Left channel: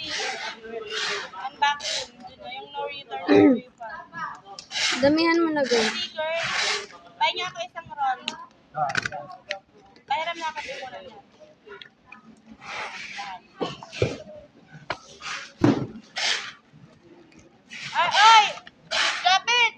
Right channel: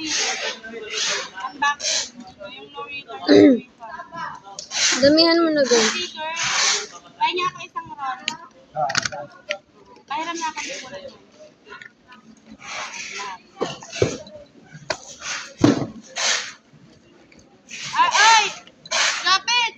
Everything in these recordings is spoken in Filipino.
kasi unboxing. Yung no return, no refund. Damihan mo na girl. Sticker. Pahay niya ako isang roll. Pahiram na ako din muna. Ay! Kapit!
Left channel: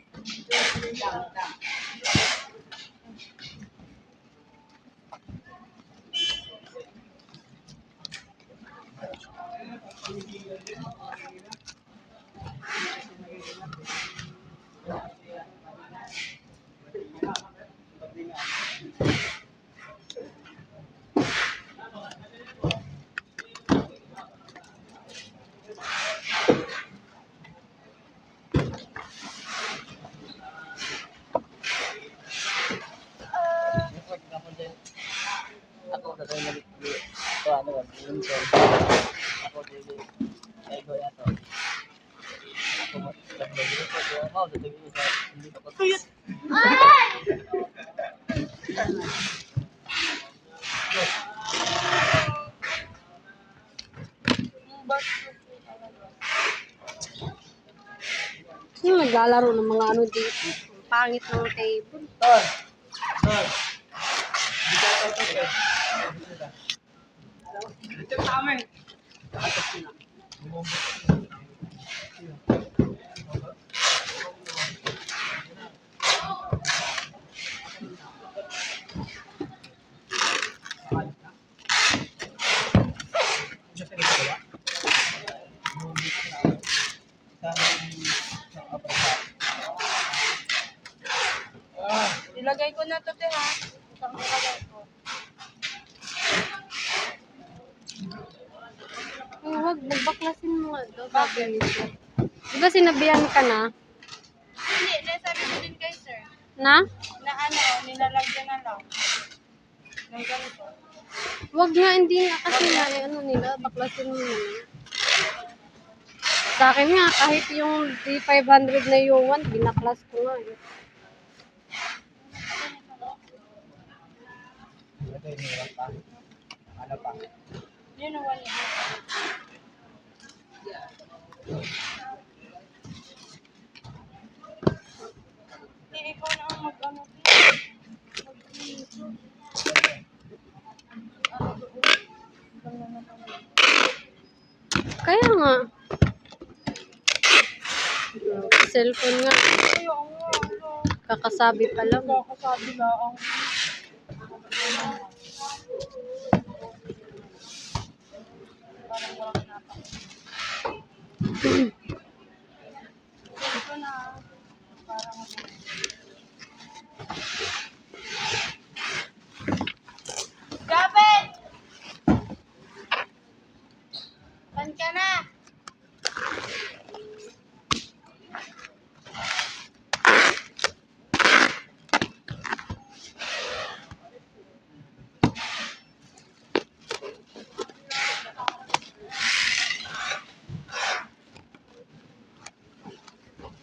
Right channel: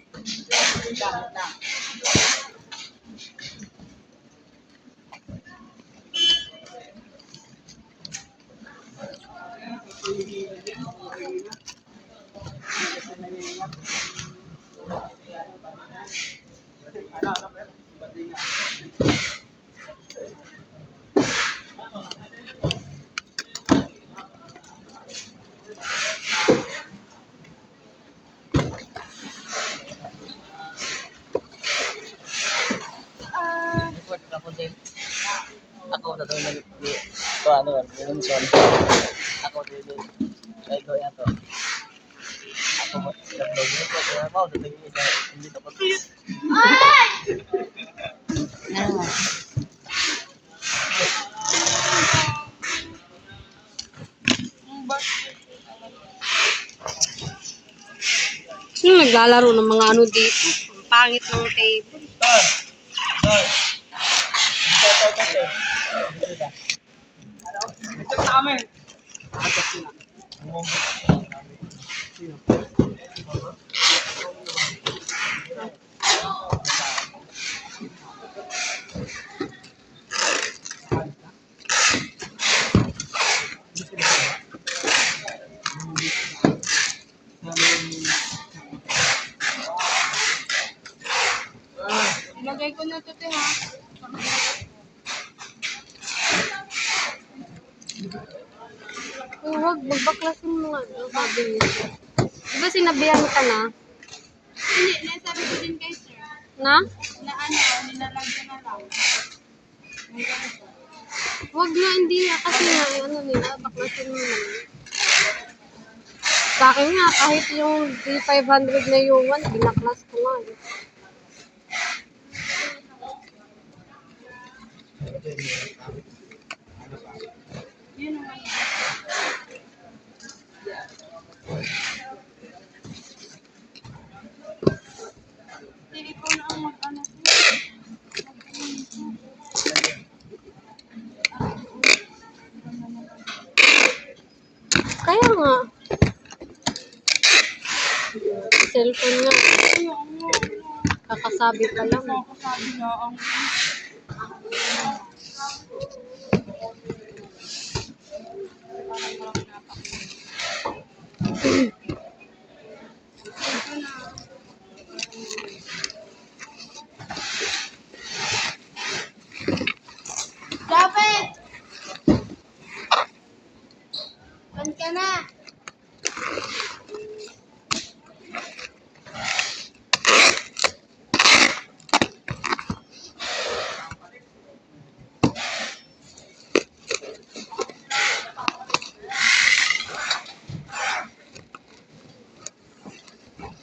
Ako na doon ito ano yung son. Ako dito. Kaya ko yan to. Ako mo double dito kaya mau dito hindi to. Sino naglalaro ng mga ano dito? Ang pangit ng table. Ilagay ko na ito, ha? Saan ilagay ko? Huwag, magbaklasin mo nga daw, sabi nito. Diba sinabihan ka na? Hindi, nasabi ko din kay sir. Na? Na ano, nilalagyan na lang. Ng ganito. Huwag nga, hindi nga kasi nga, ano nila, baklasin mo naman. Sa akin nga, kahit yung 3,500 na yuwan, binaklas ko nga. Eh. Yun ang wala. Ikaw na ang mag-ano. Mag-ano. Kaya nga. Cellphone nga. Ayaw nga. Kakasabi pa lang. Kakasabi lang. Parang walang pinapakita. Dapat! Pan ka na!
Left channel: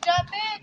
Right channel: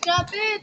Dapat!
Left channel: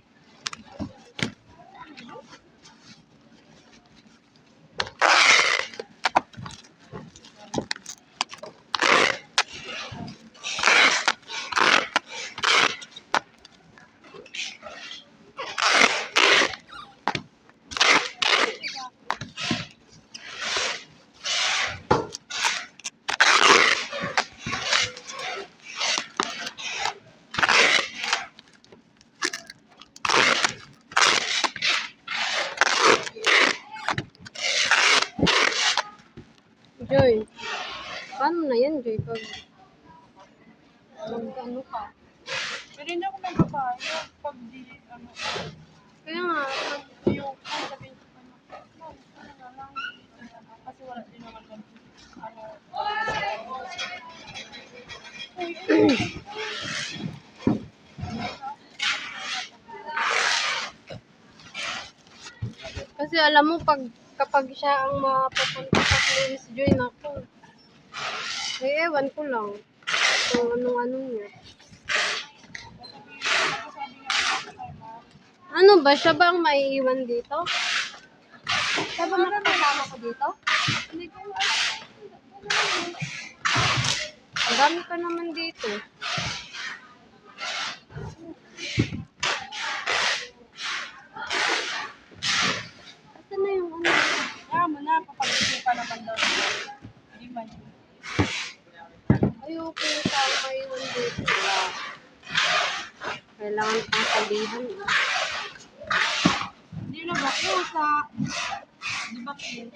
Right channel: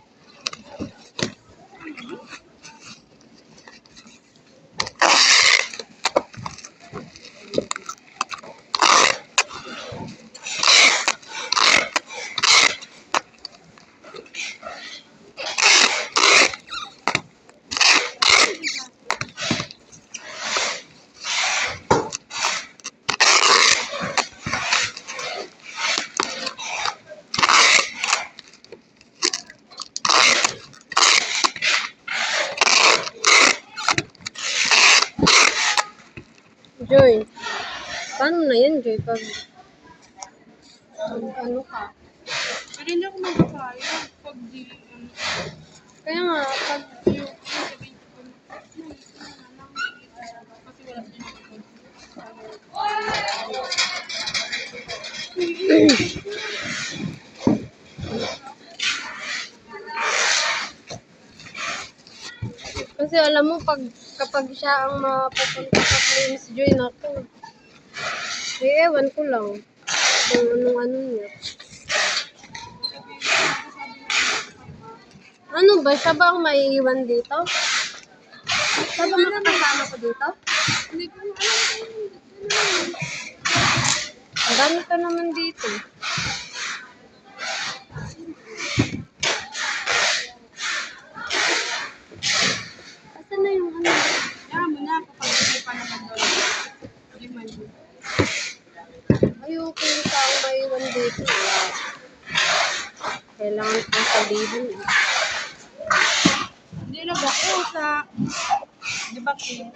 Joy, paano na yan, Joy? Pag ano ka? Pero hindi ako magpapayag pag di, ano, Kaya nga, pag yung sabihin ko, no, ito na lang. Kasi wala din naman kasi alam mo, kapag siya ang mapupunta sa claims, Joy, naku. Eh, ewan ko lang. Kung anong ano niya. Ano ba? Siya ba ang maiiwan dito? Siya ba makakasama ko dito? Hindi ko alam kung ano. Dami pa naman dito. Asan na yung ano? Kaya mo na, kapag pa naman daw. Hindi man yun. Ayoko yung taong maiwan dito. Wala. Kailangan pang sabihan. Hindi na ba ko sa... Di ba King?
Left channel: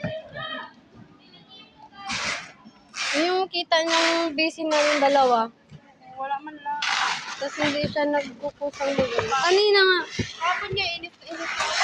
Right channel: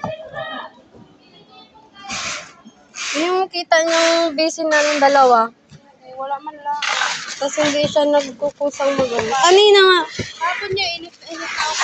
Yung kita niyang busy na yung dalawa. Wala man lang. Tapos hindi siya nagkukusang magano. Kanina nga. Hapon niya, init na init ako.